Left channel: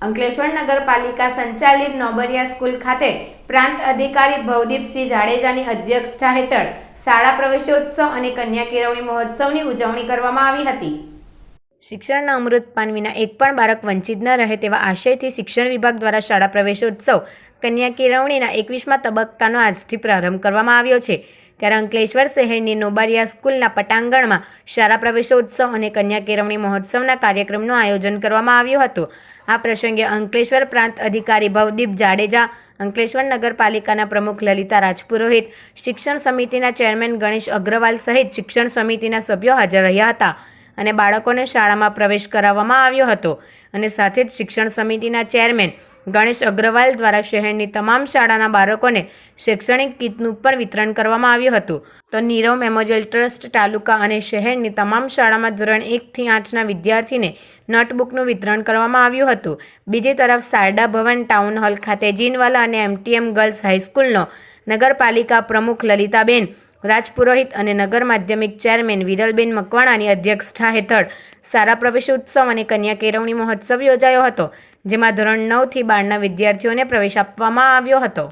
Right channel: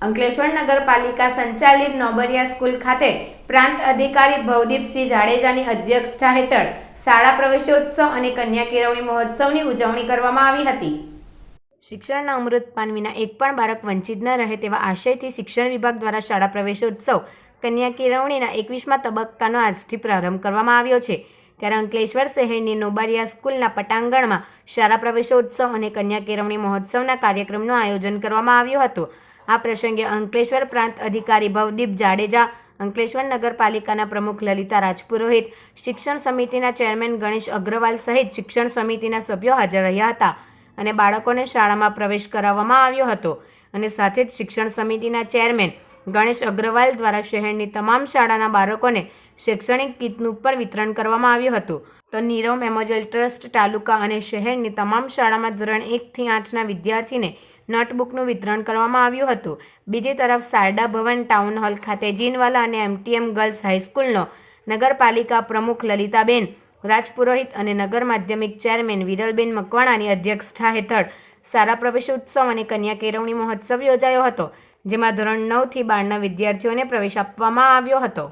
અંકલેશ્વર નગરપાલિકા સંચાલિત નોબરિયા સ્કૂલ ખાતે પ્રાંત અધિકારી ભવદીપસિંહ જાડેજાની અધ્યક્ષતા હેઠળ શાળા પ્રવેશોત્સવ અને કન્યા કેળવણી મહોત્સવની ઉજવણી કરવામાં આવી હતી। શિક્ષણના અમૃત પાન વિના એક પણ બાળક વંચિત ન રહે તેવા આશયથી શિક્ષણ વિભાગ દ્વારા શાળા પ્રવેશોત્સવ કન્યા કેળવણીના 21મા તબક્કાનો આજથી પ્રારંભ કરવામાં આવ્યો છે। ત્યારે અંકલેશ્વર શહેરની નોબરિયા સ્કૂલના પટાંગણમાં શાળા પ્રવેશોત્સવ અને કન્યા કેળવણી મહોત્સવના કાર્યક્રમનું આયોજન કરવામાં આવ્યું હતું। આ પ્રસંગે અંકલેશ્વર પ્રાંત અધિકારી ભવદીપ જાડેજા, અંકલેશ્વર નગરપાલિકાના પ્રમુખ લલિતા રાજપુરોહિત, શિક્ષણ સમિતિના ચેરમેન ગણેશ અગ્રવાલ સહિત શિક્ષણ સમિતિના સભ્યો હાજર રહ્યા હતા અને બાળકોને શાળામાં પ્રવેશ કરાવવામાં આવ્યો હતો અને સાથે જ શિક્ષણ સમિતિના ચેરમેન ગણેશ અગ્રવાલ દ્વારા શહેરની તમામ શાળાના બાળકોને શૈક્ષણિક કીટનું પણ વિતરણ કરવામાં આવ્યું હતું। તો નીરવ મેમોરિયલ ટ્રસ્ટ તાલુકા અને શહેરની તમામ શાળામાં ધોરણ 1 થી 8ના વિદ્યાર્થીને નોટબુકનું વિતરણ કરવામાં આવ્યું હતું। બીજી તરફ શારદા ભવન ટાઉન હોલ ખાતે જીનવાલા અને એમટીએમ ગર્લ્સ હાઈસ્કૂલનો નગરપાલિકા પ્રમુખ લલિતાબેન રાજપુરોહિત અને નગર માધ્યમિક ચેરમેન વિરલબેન મકવાણાની અધ્યક્ષતા હેઠળ શાળા પ્રવેશોત્સવ અને કન્યા કેળવણી મહોત્સવ યોજાયો હતો, જેમાં ધોરણ 9 થી 12ના વિદ્યાર્થીઓને પ્રવેશ આપવામાં આવ્યો હતો।